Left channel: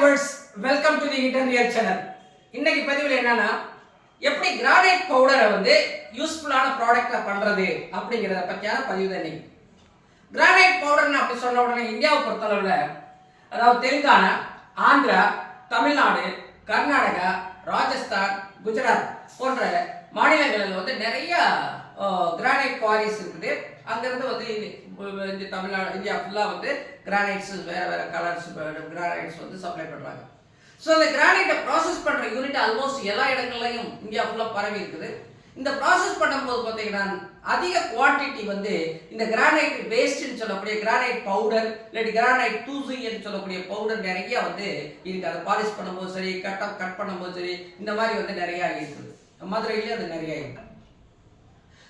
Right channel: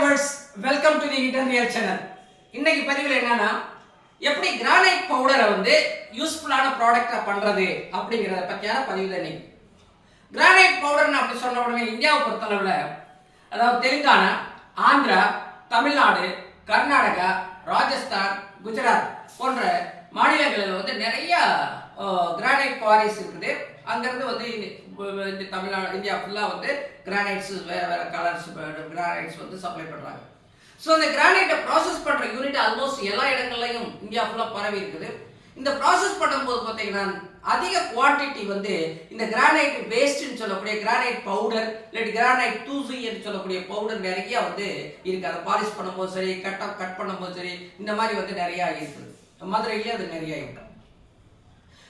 Viewers welcome to the இட்டன் real channel இன்னைக்கு பதிவில் என்னன்னா எப்படி கிரானைட் பவுடரை வந்து யூஸ்ஃபுல்லான ப்ராடக்டாக பண்ணுறது அப்படிங்கிறத பற்றியான பதிவு தான் இன்னைக்கு. கிரானைட் பவுடர்னு அப்படி சொன்ன உடனே இந்தியாவை பொறுத்தளவில் அதாவது தெலுங்கானா ஆந்திரா தமிழ்நாடு கர்நாடகா ராஜஸ்தான் குஜராத் போன்ற மாநிலங்களில் வந்து நிறைய கிரானைட் குவாரிஸ் இருக்குது. அங்கேருந்து வந்து இந்த- தமிழ்நாடு இந்தியா ஃபுல்லாக வந்து கிரானைட்ஸ் வேறு வேறு கலர்ஸ் கிரானைட்ஸ் வந்து சப்ளை பண்ணுறாங்க ஸோ இந்த கிரானைட்டை ப்ராசஸ் பண்ணுற யூனிட் ஆல்மோஸ்ட் எல்லா இடங்கள்லையும் இந்தியா ஃபுல்லாக பரவி இருக்குது. இந்த ப்ராசஸ் பண்ணும்போது பார்த்தீங்கன்னா அதிக குவான்டிட்டி வந்து இந்த கிரானைட் வேஸ்ட்னு சொல்லக்கூடிய கிரானைட் பவுடர் இல்லாட்டி கிரானைட் தூசு என்று சொல்லக்கூடிய பவுடர் நிறைய வந்து இருக்குது அதை பாலிஷ் பண்ணும்போது சரி கட் கட் பண்ணும்போது சரி இந்த மாதிரி வந்து நிறையா இருக்குது. மதுரையிலேயே அது நிறைய இருக்கு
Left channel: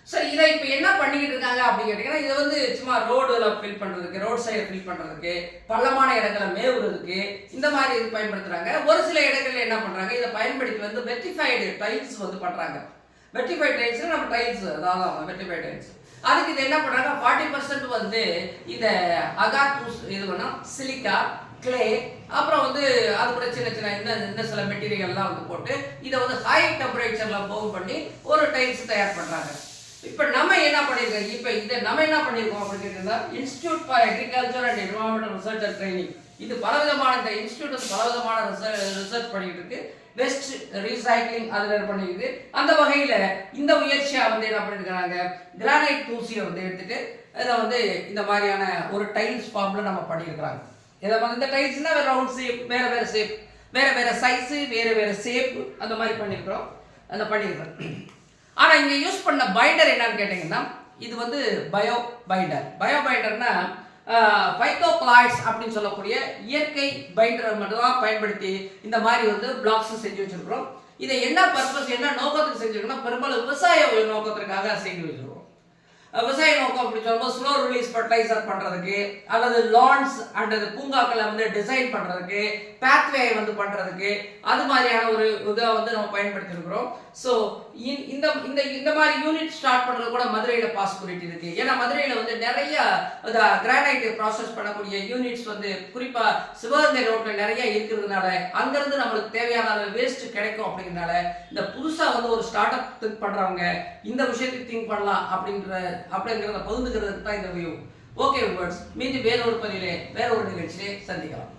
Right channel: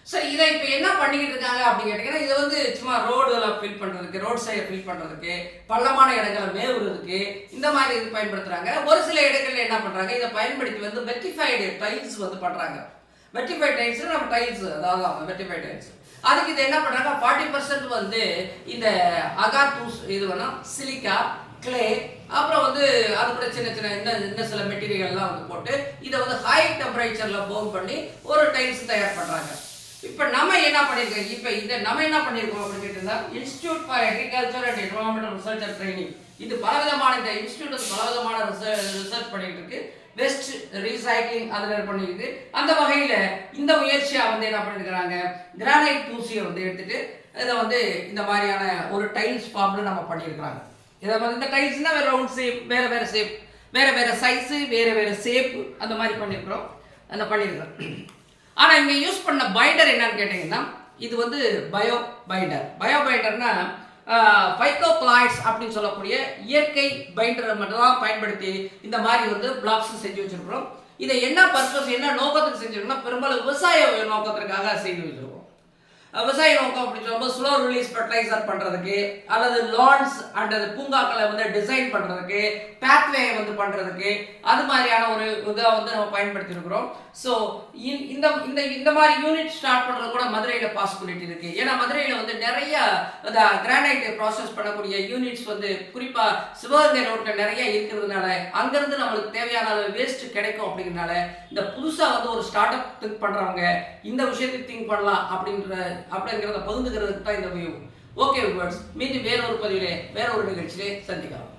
சரி இதை இப்போ என்ன பண்ணிக்கிட்டு இருக்காங்க அப்படின்னு கேட்டிங்கன்னா இதை வந்து சும்மா ரோடில் ஃபில் பண்ணுறதுக்கு ரோட் சைடில் ஃபில் பண்ணுறதுக்கு பள்ளமான இடங்களை மேவுறதுக்கு இந்த மாதிரி இது பயன்படுத்துகிறாங்க ஒரு சில இடங்களில் என்ன பண்ணுறாங்க இதை பயன்படுத்தி வந்து வெட்டிஃபைடு டைல்ஸ் வந்து பண்ணுறாங்க வெட்டிஃபைட் டைல்ஸ்னால் நம்ம டைல்ஸ் அதாவது வெட்டிஃபைட் டைல்ஸ் அதுக்கு இது என்ன பண்ணுறாங்க ஃபார்ட்டி பர்சன்ட் வந்து இந்த அகார்பூஸ் இது வேணும் சிலிக்கா கிளே அப்புறம் வந்து அது சின்ன சின்ன இந்த இந்த சில மெட்டீரியல்லாம் வந்து போட்டு இதை வந்து ஹை டெம்பரேச்சரில் போம் பண்ணி ஒரு டைல்ஸ் தயார் பண்ணுறாங்க இப்போ நம்ம என்ன பண்ணியிருக்கோம் இப்போ இதை நம்ம என்ன பண்ணியிருக்கோம் அப்படின்னு கேட்டிருந்தா institute for agriculture and environmental research and training இது பலவிதமான இந்த இன்ஸ்டியூட் பலவிதமான ரிசர்ச் பண்ணிட்டு இருக்கு வெஸ்ட் ரீசைக்ளிங் அதில் பண்ணியிருக்கு அந்த வகையில் இந்த முயற்சியை வந்து என்ன பண்ணியிருக்கிறாங்க கிரானைட் தூசியை வந்து எடுத்துட்டு இதை வந்து இந்த மாதிரியான ஒரு டைல்ஸ் ஃபார்மில் நம்ம பண்ணியிருக்கிறாங்க இதை வந்து இந்த டைல்ஸ்னால் வேறு ரவுண்ட் ஷேப் வேறு வேறு ஷேப் வேறு வேறு சைஸு வேறு வேறு ஷேப் அந்த மாதிரி பண்ணியிருக்கிறோம் அந்த பண்ணியிருக்கிறோம் ஆனால் இங்கே யூஸ் பண்ண பைண்டர் என்னன்னு கேட்டிங்கன்னா இது வந்து பயோ பைண்டர் பயோ பைண்டர்னால் பைக்கோப்ளாய்ட்ஸ் அப்படின்னு சொல்லக்கூடிய இயற்கை பைண்டரை மட்டும் தான் பயன்படுத்தி இந்த மாதிரி வந்து பிளாக்ஸ் செஞ்சு வச்சிருக்கிறோம். இதை என்ன பர்பஸ் என்ன நோக்கத்துக்கு செஞ்சுருக்கோம்னா பெரும்பாலும் விவசாய நோக்கத்திற்காக செய்து வச்சுருக்கோம். விவசாய நோக்கம் அப்படின்னு சொல்லும்போது ஸ்லோ ரிலீஸ் ஃபர்டிலைசர் பண்ணுறதுக்கு அல்லது லான்ஸ் அண்ட் பூங்காக்களை வந்து டிசைன் பண்ணுறதுக்கு பேத்வே வந்து பண்ணுறதுக்கு அது மாதிரியான ஒரு இதை வந்து நம்ம பயன்படுத்தியிருக்கிறோம் ஸோ இந்த இந்த இந்த மாதிரி யூனிட் ஸ்டார்ட் பண்ணுறது கூட மதுரையில் பாசிபிலிட்டி இருக்குது ஏன்னா மதுரையில் வந்து நிறைய இந்த கிரானைட் ப்ராசஸ் பண்ணக்கூடிய யூனிட்ஸ் வந்து குறிப்பாக சிவகங்கை ரோட்டில் நிறைய இருக்கிறதுனால அங்கேருந்து நம்மளுக்கு தேவையான அளவு வேஸ்ட் கிடைக்கும் அப்படிங்கிறனால இந்த புதுசாக வந்து ஒரு ஸ்டார்ட் அப் திங்க் பண்ணுறவங்க இந்த விஷயத்தை திங்க் பண்ணலாம் அப்படின்ற அப்படிங்கிறத பகிர்ந்துக்கிறதுக்கு தான் இந்த வியூ ஓகே வியூவர்ஸ் மீண்டும் வேறொரு பதிவிலே வேற ஒரு நிகழ்ச்சியிலே சந்திக்கலாம்.